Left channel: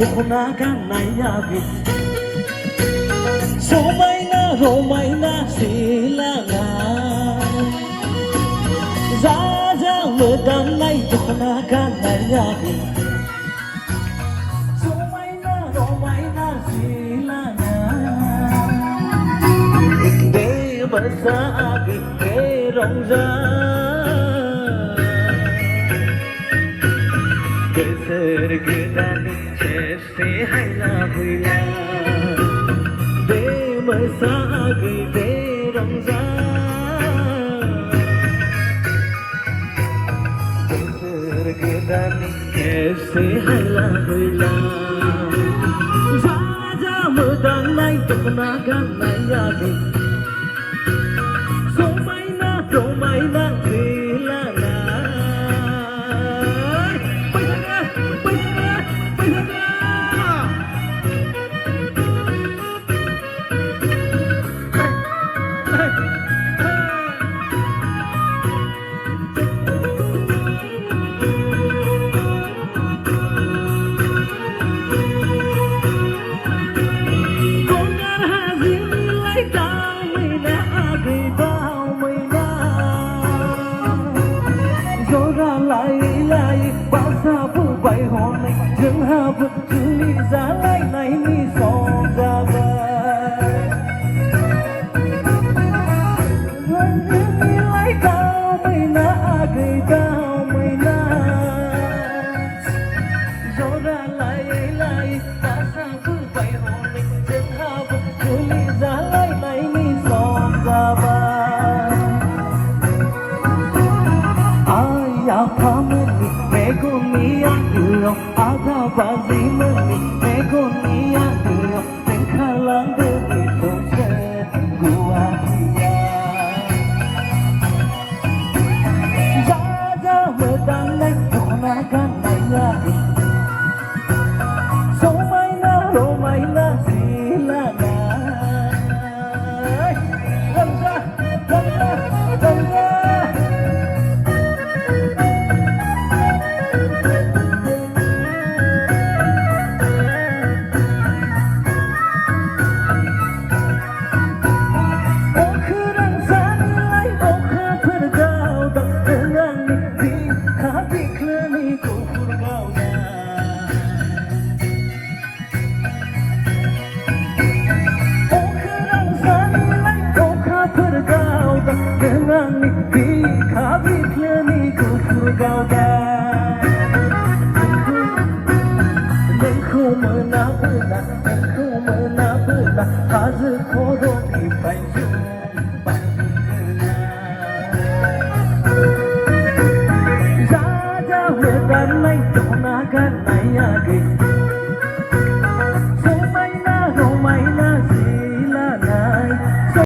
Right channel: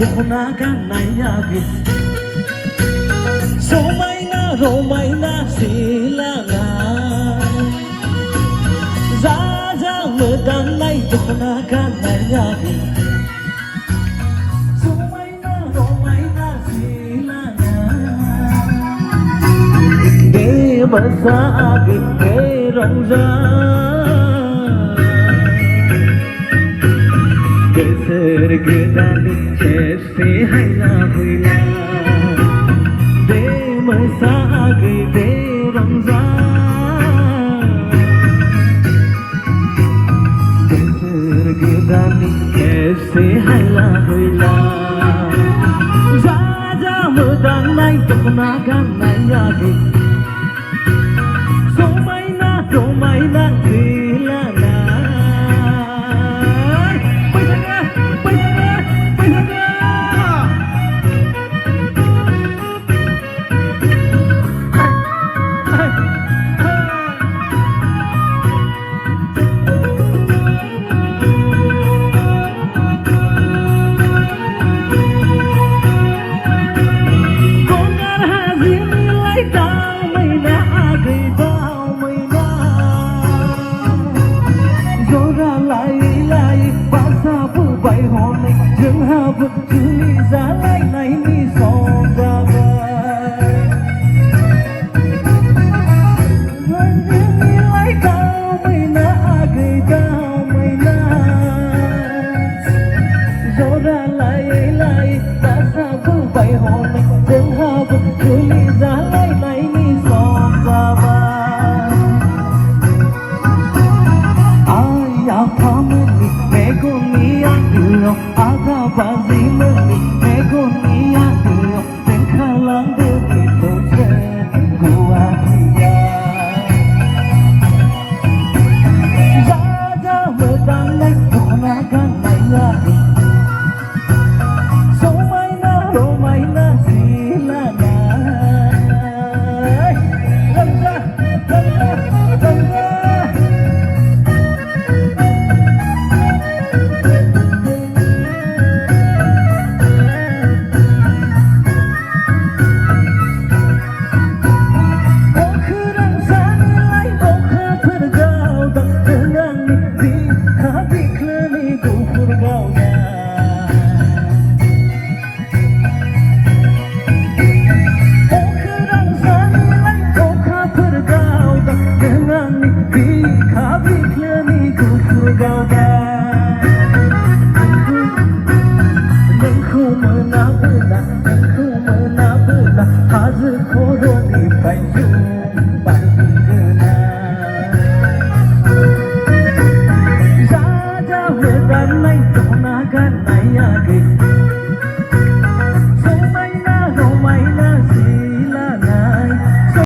Bukunakan na yagi Sumay na, romay na sila nga Zazang medanay Bukunakan na yagi Sumay na, romay na sila nga Di masagin, di ramzan ऐसे हला होला राजा मुदान नाई टकना kan lagi Somaina gila na Hãy subscribe cho kênh Ghiền Mì Gõ để không bỏ lỡ những video hấp dẫn